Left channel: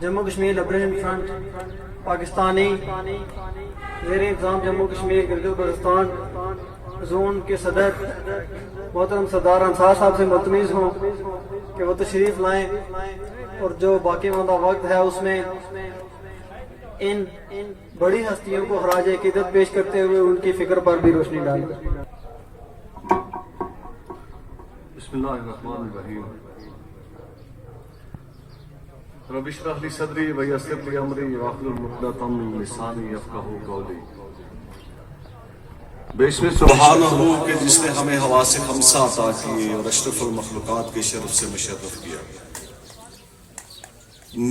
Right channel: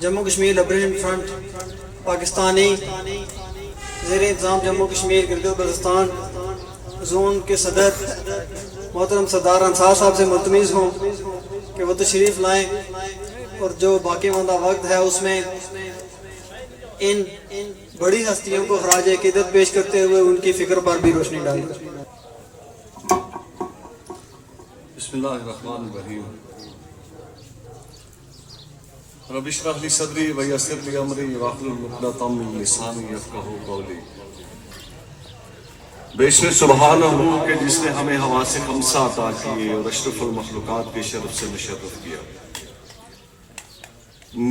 Jammu Kashmir liberation front Pakistani زیر انتظام Jammu Kashmir Gilgit Baltistan zone کے صدر محترم سردار انصار صاحب سے ملتمس ہوں کہ وہ تشریف لائیں اور جو باقی ماندہ وقت ہے اس میں ان بڑی ہستیوں کو خراج عقیدت پیش کرتے ہوئے ان کی فکر پر بھی روشنی ڈالیں۔ بسم اللہ الرحمن الرحیم۔ رب اشرح لی صدری ویسر لی امری واحلل عقدۃ من لسانی یفقہوا قولی۔ بے شمار سبحان اللہ کہ جس نے ہمیں حواس خمسہ عطا کیے اور اشرف المخلوقات کے شرف سے مشرف کیا۔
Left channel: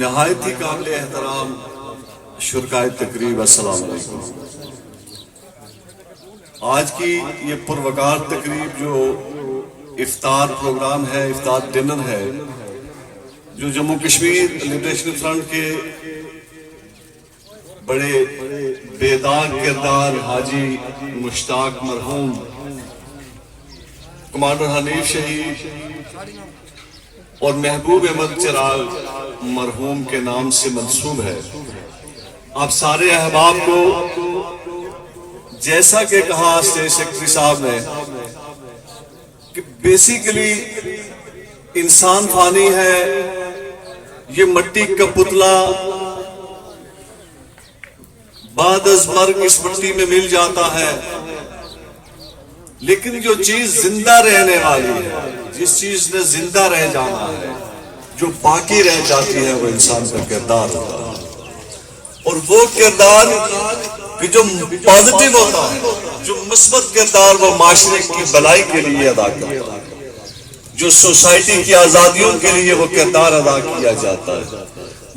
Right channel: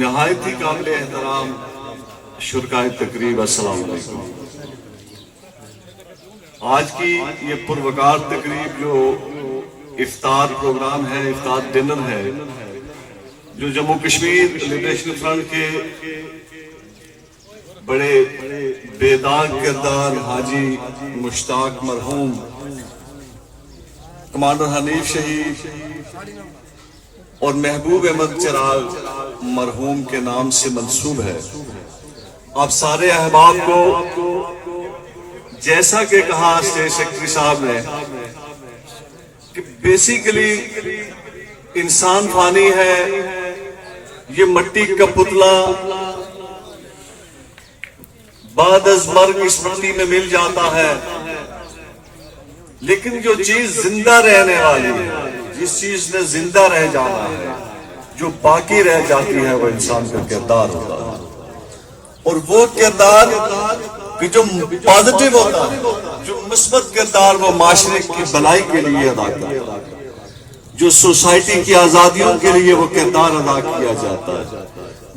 نہایت ہی قابل احترام شرکائے تقریب، السلام علیکم۔ آج کی یہ پروقار تقریب جو افطار پروگرام ہے، افطار ڈنر ہے، جو جموں کشمیر لبریشن فرنٹ کے بڑے بیدار کردار حاجی مشتاق مرحوم کمانڈر حنیف شہید اور محبوب احمد چراغ مرحوم کے نام سے منسوب ہے۔ آپ سارے احباب کو جیسا کہ کہا اسٹیٹ سیکرٹری صاحب نے کہ بیسیکلی انسان فانی ہے، یہ مٹی کا پتلا بعد از مرگ اس مٹی میں مل جاتا ہے، لیکن جو چیز زندہ رہنے والی ہے، جس چیز نے زندہ رہ جانا ہے، جو باقی رہ جاتی ہے، وہ انسان کا کردار ہوتا ہے۔ اور وہ کردار کہ جو پازیٹیو ہوتا ہے، جو مثبت کردار، وہ معاشرے کی بھلائی کے لیے ادا کرتا ہے، جو سوسائٹی کی آزادیوں کے لیے وہ کردار ادا کیا جاتا ہے،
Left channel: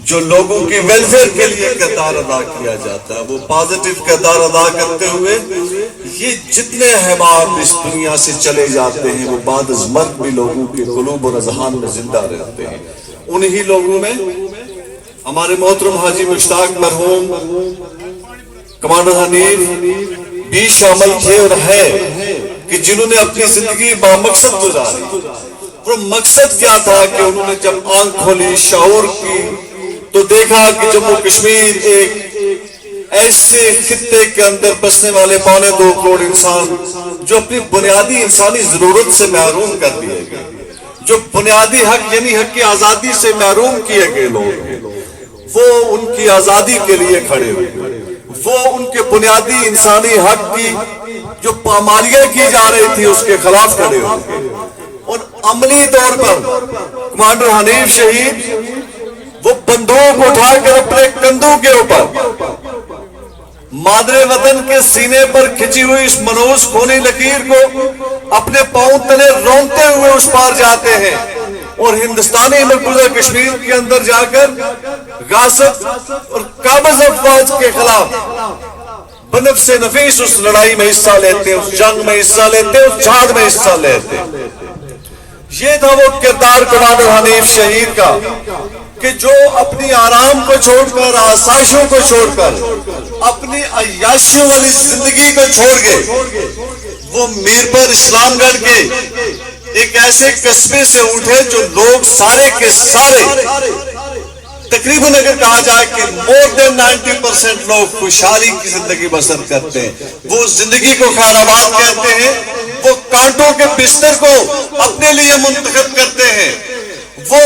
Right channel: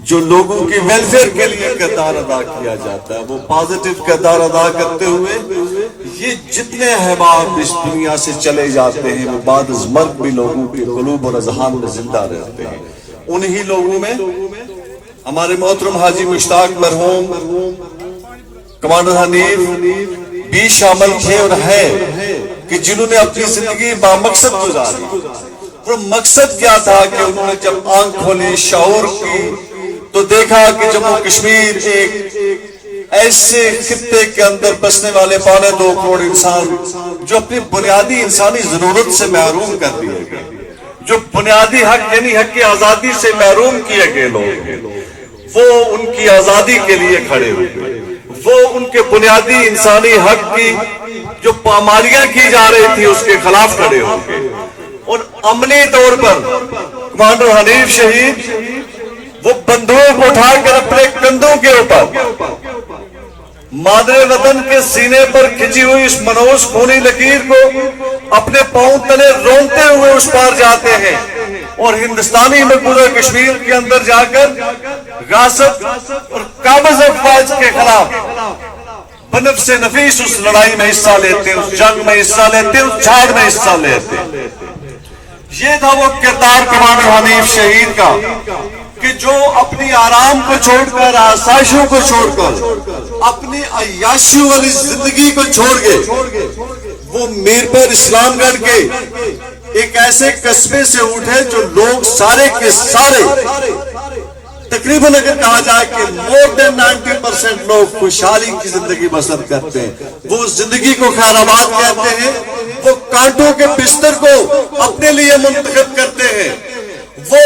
جو لوگوں کی ویلفیئر کے لیے کردار ادا کیا جاتا ہے، وہ پازیٹیو کردار ادا کرتے ہوئے یہ جتنے احباب اس دنیا سے چلے جاتے ہیں وہ بعد از مرگ بھی لوگوں کے قلوب اور اذہان میں زندہ رہتے ہیں۔ انہی لوگوں میں ہمارے محترم حاجی مشتاق مرحوم کمانڈر حنیف بھی شامل تھے اور ہیں کہ جنہوں نے اپنی زندگی بامقصد گزاری۔ اور مقصد کیا تھا کہ انہوں نے جب آنکھ کھولی، شعور کی، تو دیکھا کہ جموں کشمیر ایک ایسے خطے کے اندر بسنے والے 2.25 کروڑ انسان جو اپنی بنیادی انسانی ضرورت سے محروم کر دیے گئے، جو بنیادی حق یعنی حق کی آزادی سے محروم کیے گئے لوگ، وہ ان کی آزادی کے لیے کھڑے ہوئے، وہ ان کے بنیادی انسانی حق کی جو پامالیاں کی جا رہی تھی اس کے خلاف کھڑے ہوئے۔ اور عملی طور پر کمانڈر حنیف شہید وہ بندوق اٹھا کر اپنے کندھوں کے اوپر مادر وطن کے سینے پر کھچی ہوئی اس منحوس خونی لکیر کو اپنے پاؤں تلے رونتے ہوئے اس پار جاتے ہیں اور ہندوستانی مقبوضہ کشمیر کے اندر جا کر غاصب اور قابض افواج کے خلاف بنفس نفیس اس لڑائی میں حصہ لیتے ہیں، اس جنگ میں حصہ لیتے ہیں، اس جھاڑ میں حصہ لیتے ہیں۔ یہ تھا وہ کردار کمانڈر حنیف شہید کا کہ جو اپنی آرام کو چھوڑ کر، آسائشوں کو چھوڑ کر، اپنی عیاشیوں والی زندگی کو چھوڑ گئے، وہ میرپور اسلام گڑھ کے ایک ایسے قصبے سے اٹھے جو لوگ سارے کے سارے تقریباً اگر کہا جائے کہ مور دین 90% لوگ خوشحالی کی زندگی بسر کرتے ہیں، وہ زندگی کو خیر آباد کہتے ہیں، وہ کانٹوں کے بستر کو اپنے لیے منتخب کرتے ہیں، وہ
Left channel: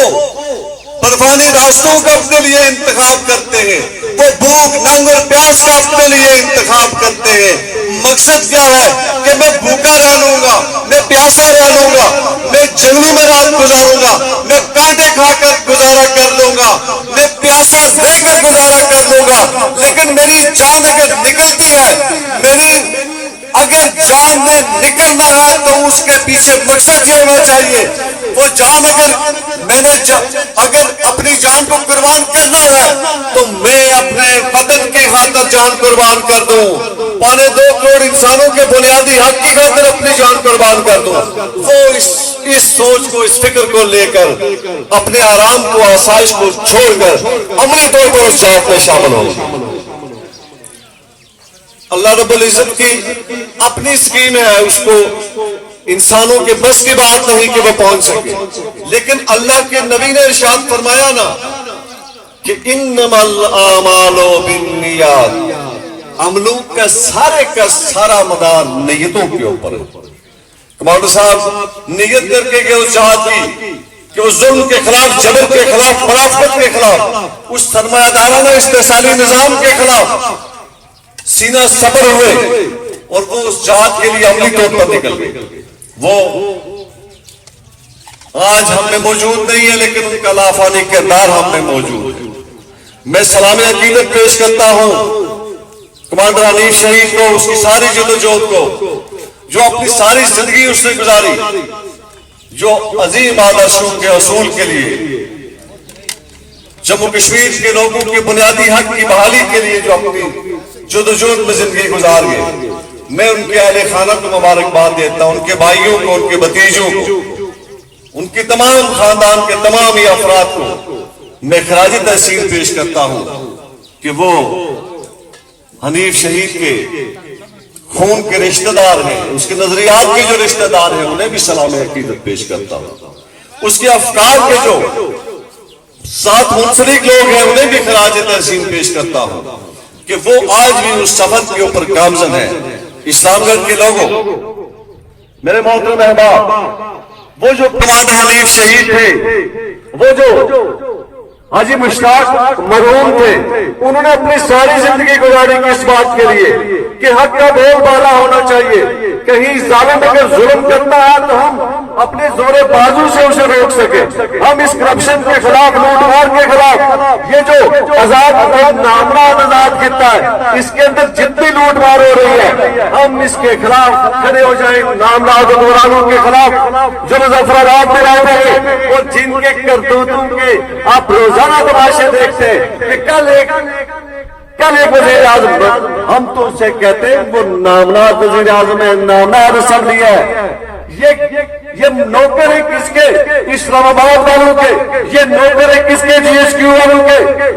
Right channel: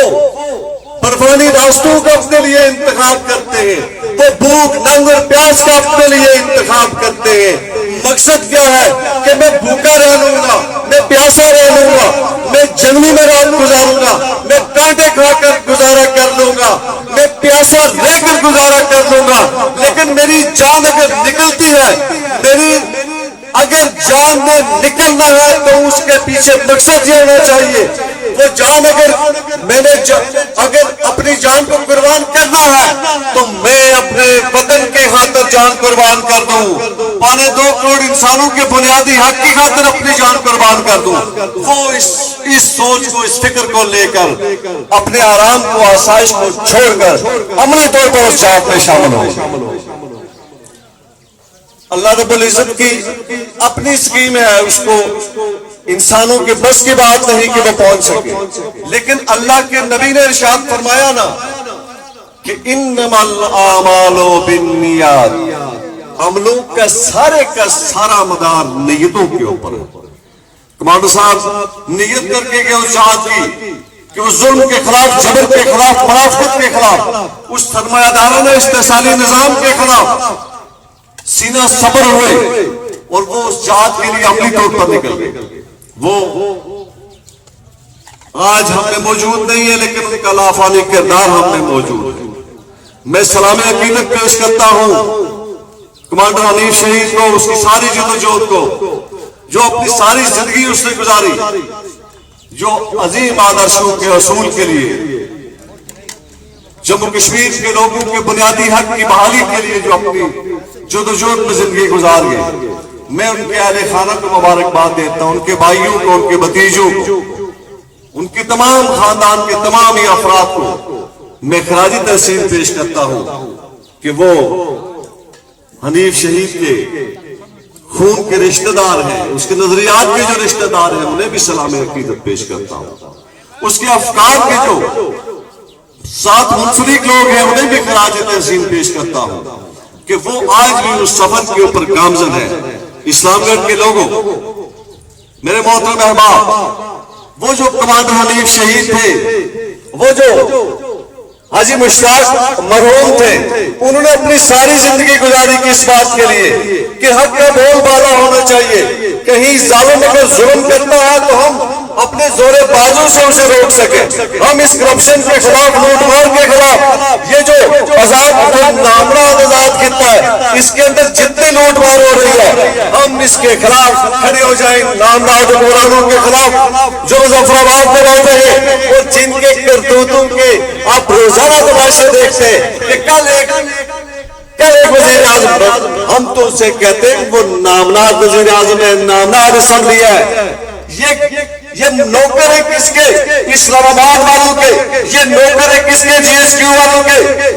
برفانی راستوں کا اپنے لیے انتخاب کرتے ہیں، وہ بھوک، ننگ اور پیاس کا اپنے لیے انتخاب کرتے ہیں۔ مقصد کیا ہے کہ میں بھوکا رہ لوں گا، میں پیاسا رہ لوں گا، میں جنگلوں میں رات گزاروں گا، میں کانٹے کھا کر گزارا کر لوں گا، میں پیاسا رہ کر گزارا کر لوں گا، لیکن میری جان اگر نکلتی ہے، میری اگر جان میں نکلنا ہے تو اس کے پیچھے مقصد یہ ہونا چاہیے، وہ جان میں نے اگر اپنی جان کو قربان کرنا ہے تو میں اپنے وطن کی خاطر جان قربان کر دوں، 2.25 کروڑ انسانوں کے بنیادی حق کی خاطر اپنی جان قربان کر دوں۔ وہ اس سوچ کو، اس فکر کو لے کر اپنے آرام کو، آسائش کو چھوڑ کر عملی طور پر اس جہاد میں شامل ہو۔ اللہ رب العزت کی اپنی سکیم ہے، اس کو انسانوں کے بس کی بات نہیں کہ وہ پہنچ سکے، لیکن اللہ کے نبی نے ارشاد فرمایا نا کہ انمل اعمال بالنیات، عملوں کا سارا مدار نیتوں کے اوپر ہے۔ کمانڈر صاحب نیت کر کے کہ اس جہاد کی، کہ اس ظلم کے خلاف، جبر کے خلاف، منافقت کے خلاف، اس سرمایہ دارانہ استحصالی نظام کے خلاف سینہ صبر ہوئے، اور وہ اس جہاد کے لیے عملی طور پر نکل گئے۔ وہ آج ہم میں موجود نہیں ہے، لیکن ان کا لافانی کردار ہم میں موجود ہے۔ میں سلام عقیدت پیش کرتا ہوں کمانڈر حنیف شہید کو، اس کی ساری جدوجہد کو، جو اپنی ساری زندگی اس نے گزاری، جو عظیم آدرشوں کے حصول کے لیے، جموں کشمیر کے لوگوں کے بنیادی حق کی بحالی کے لیے جو اپنی جدوجہد میں زندگی گزار گئے۔ میں ان کے اہل خانہ کو مبارکباد دیتا ہوں، ان کے بھائیوں کو، ان کے بھتیجوں کو، ان کے تمام خاندان کے تمام ہی افراد کو میں خراج تحسین پیش کرتا ہوں کہ وہ حنیف شہید کے خون کے رشتہ دار ہیں، اس کے نظریات کے جو رشتہ دار ہیں، انہیں بھی سلام عقیدت پیش کرتا ہوں۔ اس کے افکار کے جو ساتھ منسلک لوگ ہیں، انہیں بھی خراج تحسین پیش کرتا ہوں کہ وہ آج بھی اس سفر کے اوپر گامزن ہیں۔ اسلام گڑھ کے لوگوں، میرے محترم احباب، وہ جو کمانڈر حنیف شہید تھے، وہ جو حاجی مشتاق مرحوم تھے، انہوں نے اپنی ساری زندگی گزاری کی اس بات کے لیے کہ حق کا بول بالا ہونا چاہیے، کہیں ظالم اگر ظلم کرتا ہے تو ہم اپنے زور بازو سے اسے روک سکیں، ہم اس کرپشن کے خلاف، لوٹ مار کے خلاف، یہ جو آزاد نامراد آزاد خطہ ہے، اس کے اندر جتنی لوٹ مار ہو رہی ہے، ہم اس کے خلاف کھڑے ہو جائیں، نامراد حکمرانوں کے خلاف جو مظفر آباد میں بیٹھے ہیں، اور جن کے کرتوتوں کے آپ روزانہ تماشے دیکھتے ہیں۔ کل ایک وزیر اعظم، ہم تو اسے کہتے ہیں وہ نامناد وزیر اعظم ہے، نامناد اسمبلی ہے، یہ نوکر ہے کس کے؟ اسلام آباد والوں کے، یہ نوکر ہے کس کے؟ جی ایس کیو والوں کے،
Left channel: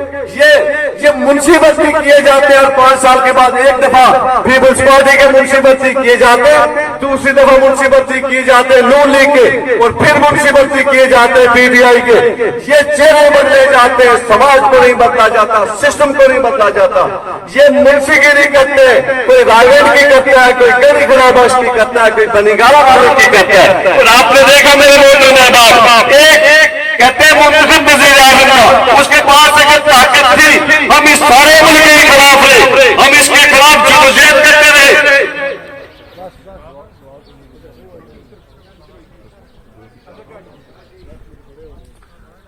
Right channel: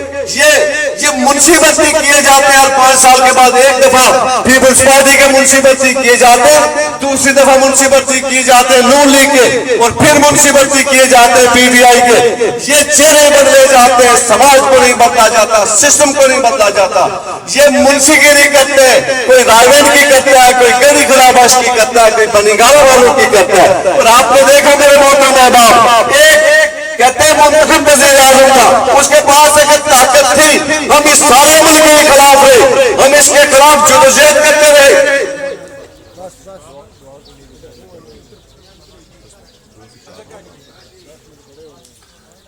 یہ منشی بستی کیے جاتے ہیں ہر 5 سال کے بعد ایک دفعہ پیپلز پارٹی کے منشی بستی کیے جاتے ہیں، دوسری دفعہ منشی بستی کیے جاتے ہیں نون لیگ کے، اور پھر منشی بستی کیے جاتے ہیں پی ٹی آئی کے۔ یہ چہرے بدلے جاتے ہیں، سماج کو نہیں بدلا جاتا، سسٹم کو نہیں بدلا جاتا۔ یہ منشی گیری کرتے ہیں، کوئی رائیوینٹ کی کرتا ہے، کوئی گڑی خراباش کی کرتا ہے، کوئی بنیگارہ والوں کی کرتا ہے۔ اور آپ نے دیکھا میرے محترم احباب، ایک کہتے ہیں منتخب وزیر اعظم کا، اس کے پاس اگر طاقت تھی، ہم اس سارے ملک کے خلاف رہے، ہم اس کے خلاف جدوجہد کرتے رہے۔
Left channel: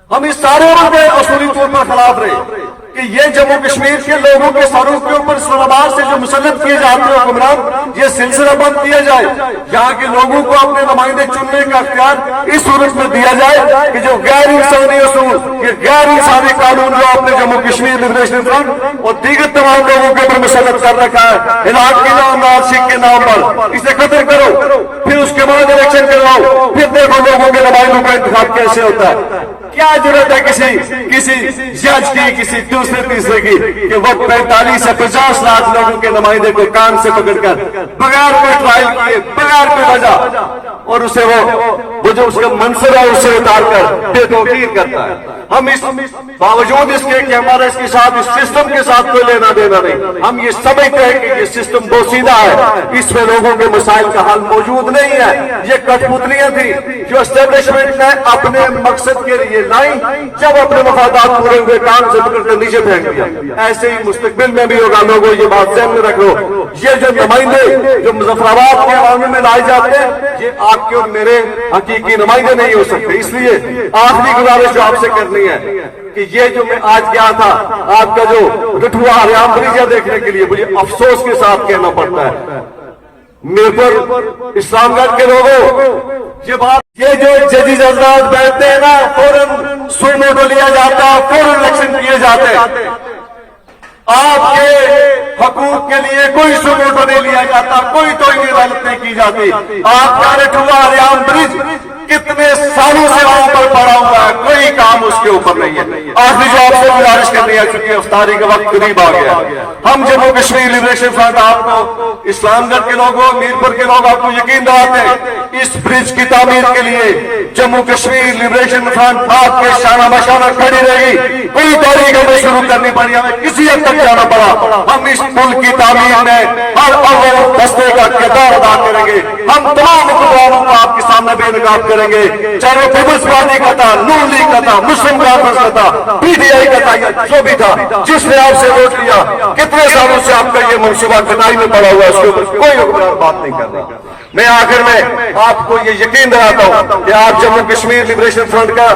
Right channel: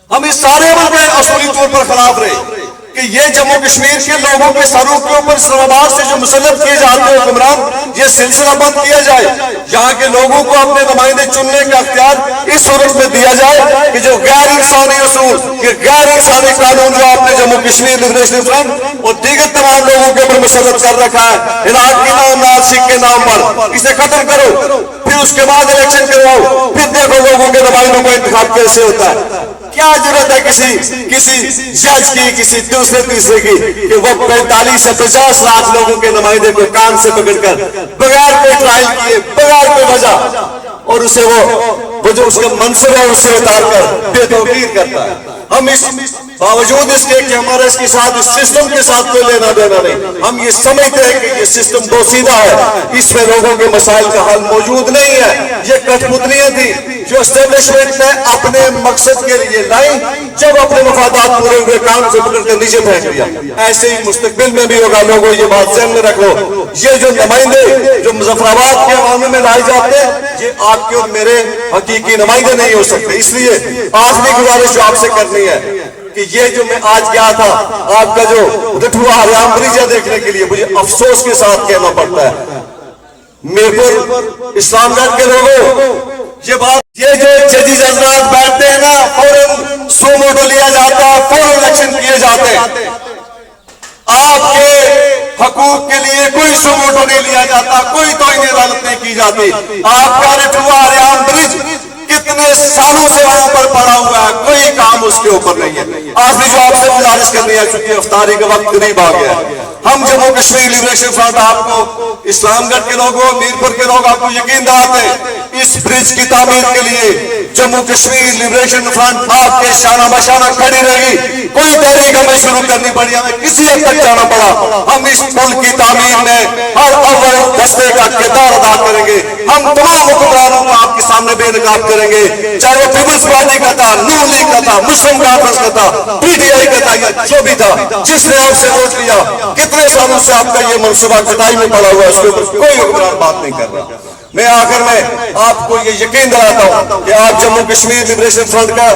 ہم اس سارے ملک کے اصولی طور پر خلاف رہے کہ یہ جموں کشمیر کے لوگوں کے سروں کے اوپر اسلام آباد سے جو مسلط کیے جاتے ہیں حکمران، یہ سلسلہ بند کیا جائے، یہاں کے لوگوں کو اپنے نمائندے چننے کا اختیار اس صورت میں دیا جائے کہ جو غیر انسانی اصول، کہ غیر انسانی قانون جو آپ نے جموں کشمیر لبریشن فرنٹ اور دیگر تمام لوگوں کے اوپر مسلط کر رکھا ہے، عراق کے نام، ناسک کے نام پر، اسے ختم کرو، پھر اس کے بعد الیکشن کرواؤ، پھر دیکھو لوگوں کے نمائندوں کا انتخاب کیسے ہوتا ہے۔ کیا ضرورت ہے کسی جج کی، کسی دوسرے تیسرے کی، کہ وہ 45 سے 50 لاکھ لوگوں کے نمائندے کو کان سے پکڑ کر بغیر کوئی ٹرائل کیے، بغیر کوئی وجہ، اور اسے وہ جو اس کا منصب ہے اسے اتار کر بے توقیر کرتا ہے۔ ہم اس باوجود اس کے کہ ہمارا اس کے ساتھ، اس سسٹم کے ساتھ کوئی لینا دینا نہیں، ہم یہ سمجھتے ہیں کہ یہ سسٹم بوسیدہ ہے، اس میں لوگوں کے مسائل کا حل موجود نہیں ہے، یہ کٹھ پتلیاں تھی جو اسٹیبلشمنٹ نے اپنے مقصد کے لیے لائی، جب اپنے مفادات پورے ہوئے کام سے پکڑ کر نیچے پھینک دیا۔ ایسے ہی مستقبل میں بھی ہوگا، لوگوں یہ بات ذہن میں رکھ لو، یہ جو نمائندے جو مظفر آباد کے عوام میں لائے جاتے ہیں، یہ آپ کے اور میرے حقیقی نمائندے نہیں ہو سکتے۔ اس لیے آخری گزارش جو آپ سے کرنی ہے کہ یہ جو میں آج گیا تھا آپ کا جو رٹھوا ہریام بریجا دیکھنے کے لیے، مجھے افسوس کے ساتھ کہنا پڑتا ہے، میرے پر اسلام گڑھ کے لوگوں یہ بات، یہ جو ججز حضرات بیٹھتے ہیں نا، فوراً سو موٹو لیا جاتا ہے، فوراً الیکشن کیے جاتے ہیں۔ آپ کے حقوق کے لیے کوئی ثبوت نہیں لیا جاتا, کوئی توہین عدالت نہیں کی جاتی. آپ کا رٹھوا ریان برج کتنے سالوں سے وہاں پر پڑا ہوا ہے, کوئی کام اس کے اوپر نہیں ہے. آخری جو آپ سے گزارش کرنی ہے, چونکہ افطاری کا وقت قریب آ گیا, ہم جموں کشمیر لبریشن فرنٹ آپ کو, اسلام گڑھ کے لوگوں, میرپور کے لوگ آپ کو یقین دلاتے ہیں اس برج کی تعمیر کے لیے جموں کشمیر لبریشن فرنٹ آپ کے شانہ بشانہ کھڑی رہی. کوئی تحریک ہمیں شروع کرنی پڑی, ہمیں کسی حد تک جانا پڑا, ہم اس ملک کی تعمیر میں ہر اول دستے کا کردار ادا کریں گے. ہم تمام حکمرانوں کو آپ کے سامنے بے نقاب کریں گے, چاہے وہ پیپلز پارٹی کا تھا, نون لیگ کا تھا, مسلم کانفرنس کا تھا, پی ٹی آئی کا تھا, یا جو بھی تھا, جس نے آپ سے ووٹ لیا. کتنے سالوں سے آپ کا یہ منصوبہ کٹائی میں پڑا ہوا ہے, اس کے اوپر کوئی حکمران بات نہیں کر رہا. میں آخر میں آپ کو یہ یقین دلاتا ہوں کہ آپ جموں کشمیر لبریشن فرنٹ کا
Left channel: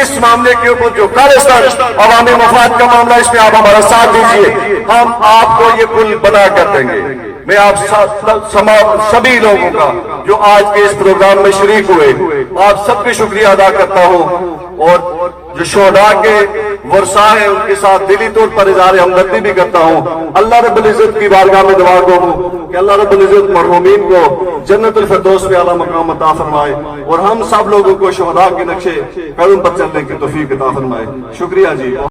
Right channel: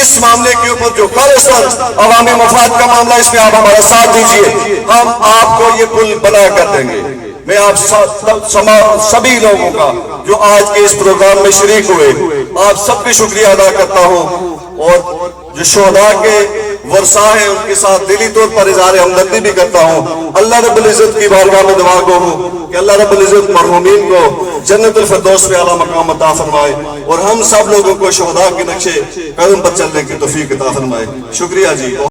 اس معاملے کے اوپر جو خالصتاً عوامی مفاد کا معاملہ, اس میں آپ ہمارا ساتھ دیجیے, ہم آپ کو یہ پل بنا کر دیں گے. میں آپ سبھی لوگوں کا جو آج کے اس پروگرام میں شریک ہوئے, آپ سب کا شکریہ ادا کرتا ہوں, اور جو شہداء کے ورثاء ہیں ان کے ساتھ دلی طور پر اظہار ہمدردی بھی کرتا ہوں. اللہ رب العزت کی بارگاہ میں دعا گو ہوں کہ اللہ رب العزت مرحومین کو جنت الفردوس میں اعلیٰ مقام عطا فرمائے, اور ہم سب لوگوں کو شہداء کے نقشے قدم پر چلنے کی توفیق عطا فرمائے. شکریہ جی.